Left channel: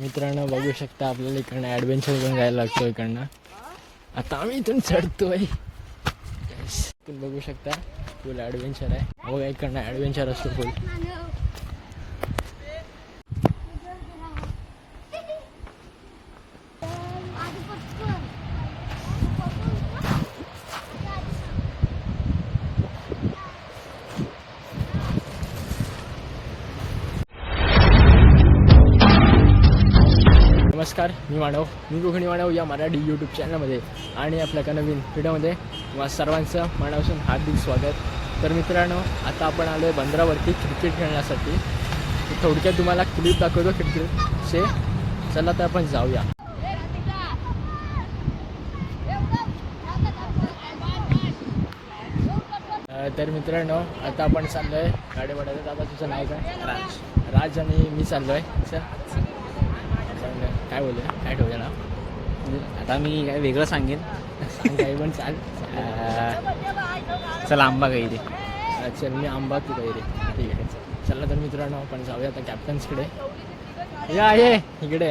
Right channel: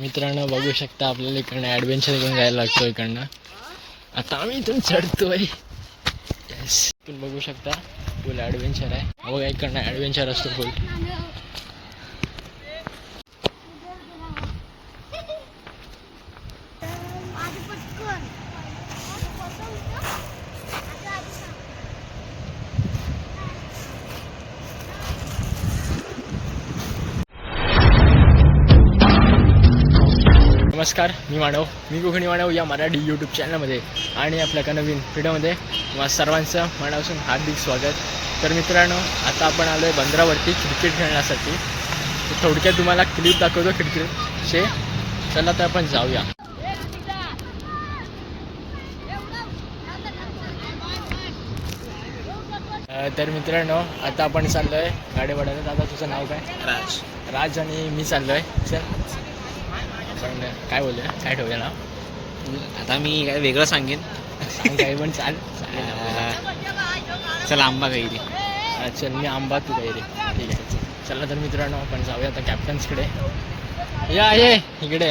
मित्रांनो बघू शकता आपल्याला इकडनं ॲडव्हेंचर घेऊन जायला लागतो इकडनं. आता आम्ही इथून चढतोय. येस इथून बघू शकता फुल ॲडव्हेंचर आहे. बघा इकडनं ॲडव्हेंचर असतो फुल नमस्कार मी मानव. मी कोकणी मानव या मराठी यूट्यूब चॅनलमध्ये आणि आपल्या एका नवीन व्हिडिओमध्ये तुम्हा सर्वांचं मनापासून हार्दिक स्वागत. तर मित्रांनो आता आपण आलो आहे बंदरावरती क्रिकेट खेळण्यासाठी. थोडक्यात तुम्हाला क्लिप दाखवतो क्रिकेटचे चला तर आपण जाऊया. तर मित्रांनो आता आपण चाललो आहे गाडेवाड्याला. दादा तुझं नाव काय? राज. राज आणि मी चाललो आहे चल. आपण काय बोलूया? काय ठेवूया नाव? आता मी काय वेगळं सांगेन. सांग काही पण चाल चालेल. चला आंबा काही रे. चल मी आंबा तू काही रे. ठीक आहे चल. तर मित्रांनो आपण जाऊया आता कॅप्टन्सकडे या ये इकडे.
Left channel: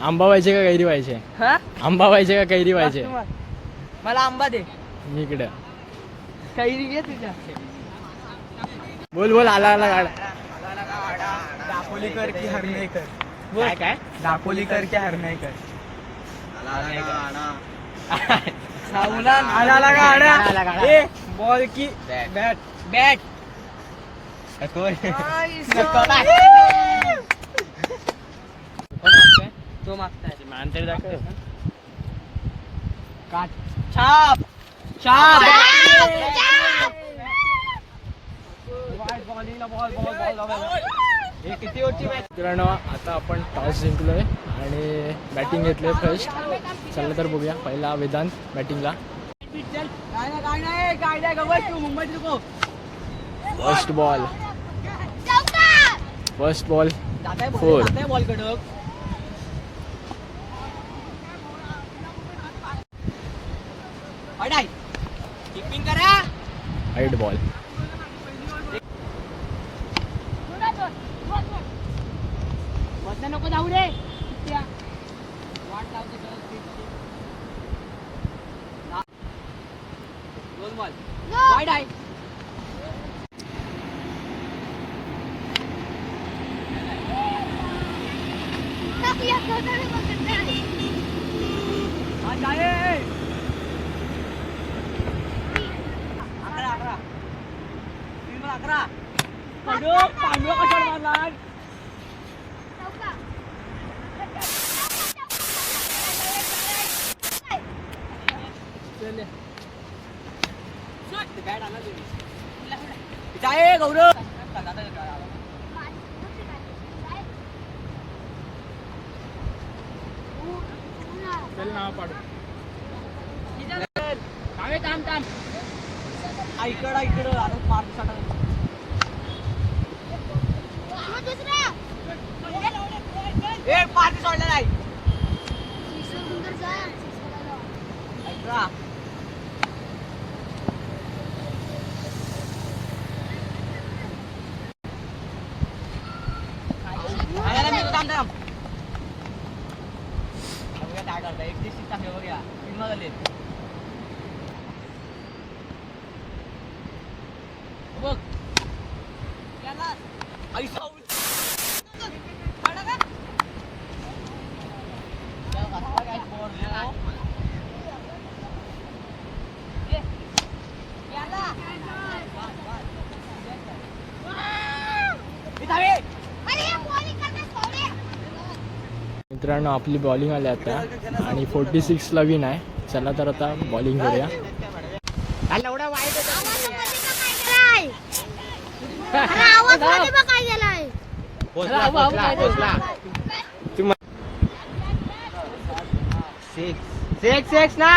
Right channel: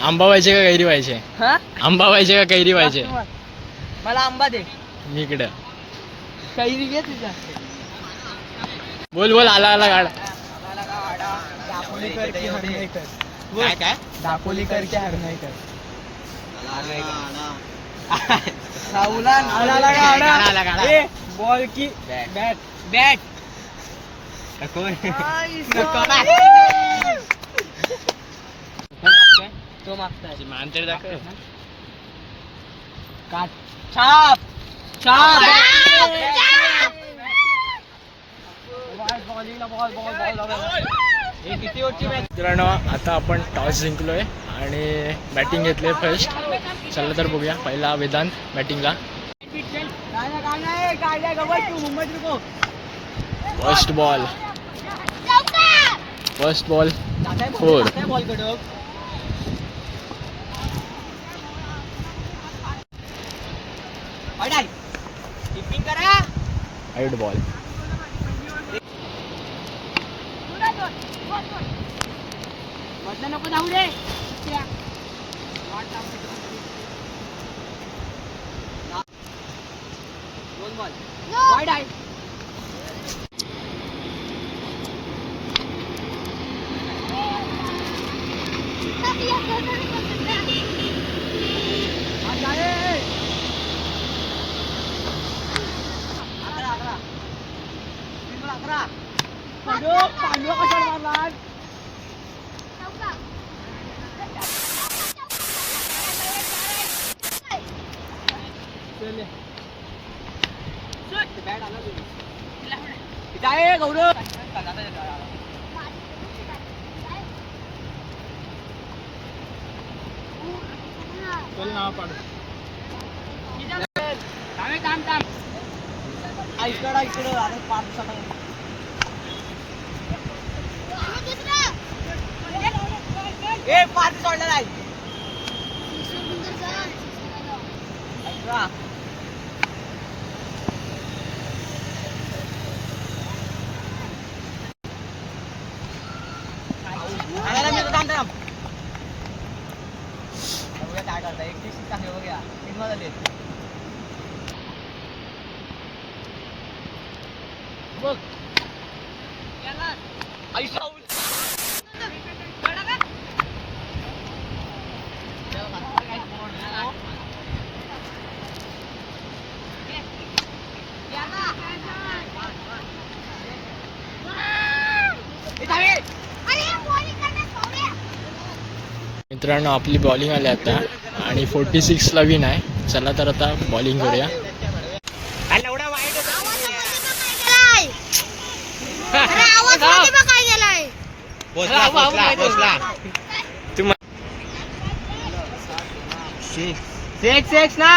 आंबा व्हायचे का कैरी व्हायचे? आंबा व्हायचे का कैरी व्हायचे? मला आंबा दे. मी इकडे. कैरी घे तुझ्या. बोल बोल आला आला गाड दापोलीकर की हरणाईकर काय काय? दापोलीकर की हरणाईकर. बॉल की बॅट. बॅट. तो तरी दाखव. काट. छाप छाप बॉलिंगला बॉल बॉल बॉल. मित्रांनो आता आपण टॉस जिंकलोय आणि बॅटिंग घेतले फर्स्ट चला तर बघूया पहिला Vedant बॅटिंगला first ball first ball Four. Ball બધા લોકો જાવું રે વાઈડ આઈ Akra. नको जाऊ रे दोन बॉल वाईड आहे हा, जाए. अकरा अकरा तीन बॉल अकरा पांडव पांडव कशाला मारला जाए गौरव इकडं इकडं अरे पाच दिवसाला एक पाच सोडला नाही काय करता एक दिवशी टाकले बघूया तीन वाजले बघ. आई मित्रांनो आपली बॉलिंग आली आता. आणि फोर्टी सिक्सला विन आहे. चला तर आता बॉलिंग करूया. ना.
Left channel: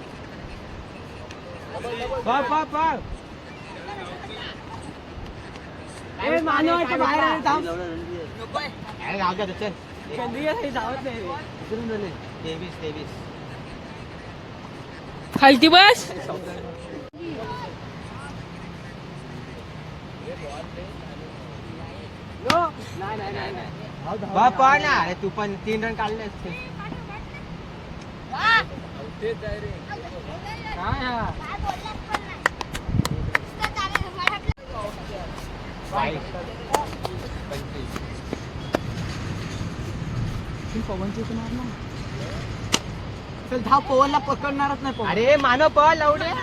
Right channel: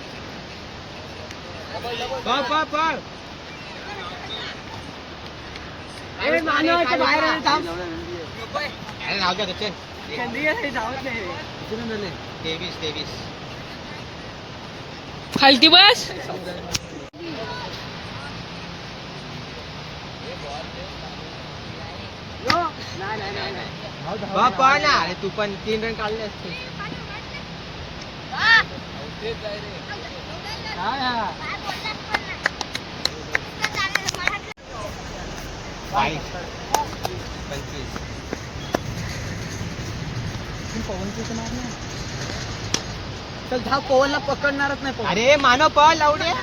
पळ पळ पळ. ए मानव तो बाहेर येणार थांब. अरे नाव द्या त्याचे. चंद्रिका धावत नाही. तेवीस तेवीस. खालती बस. नाही नाही नाही नाही. बापा ना. तू पण तीन रन काढले असते. चल धाव पवनला पकडणारच नाही पवन. अरे मानव पॉल लावणे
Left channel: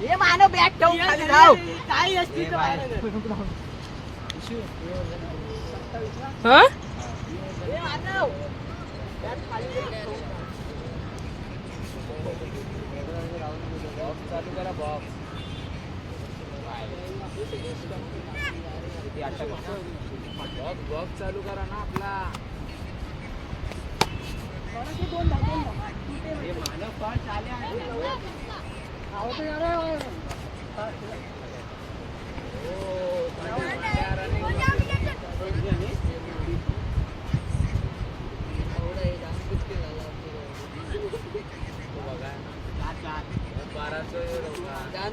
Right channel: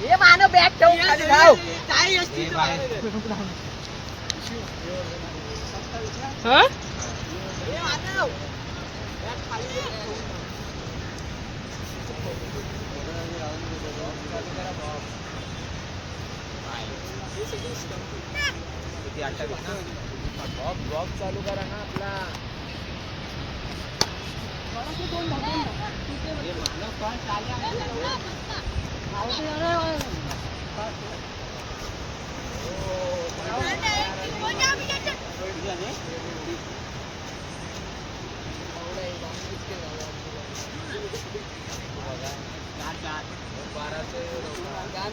हे मानव बॅग ठेवून खाली धाव. काही असती चालू करा ना आपला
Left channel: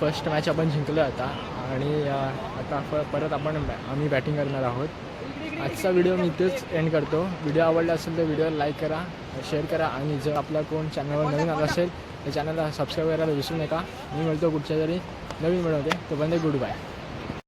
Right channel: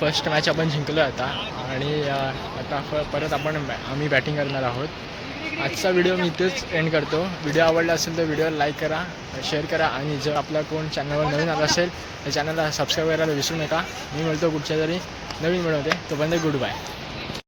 फर्स्ट मॅच आपण जिंकलो आता. आणि आता परत आपण बॅ- आम्ही बॅटिंग करणार आहोत. आजचा व्हिडिओ मी इथेच एंड करतो. व्हिडिओ आवडला असेल तर व्हिडिओ लाईक करा शेअर करा. आणि जर आपला कोण चॅनलवर नवीन आला असेल तर चॅनलला सबस्क्राईब करायला विसरू नका. मी मिळतो कुठच्या तरी नवीन मिळवते तोपर्यंत गुड बाय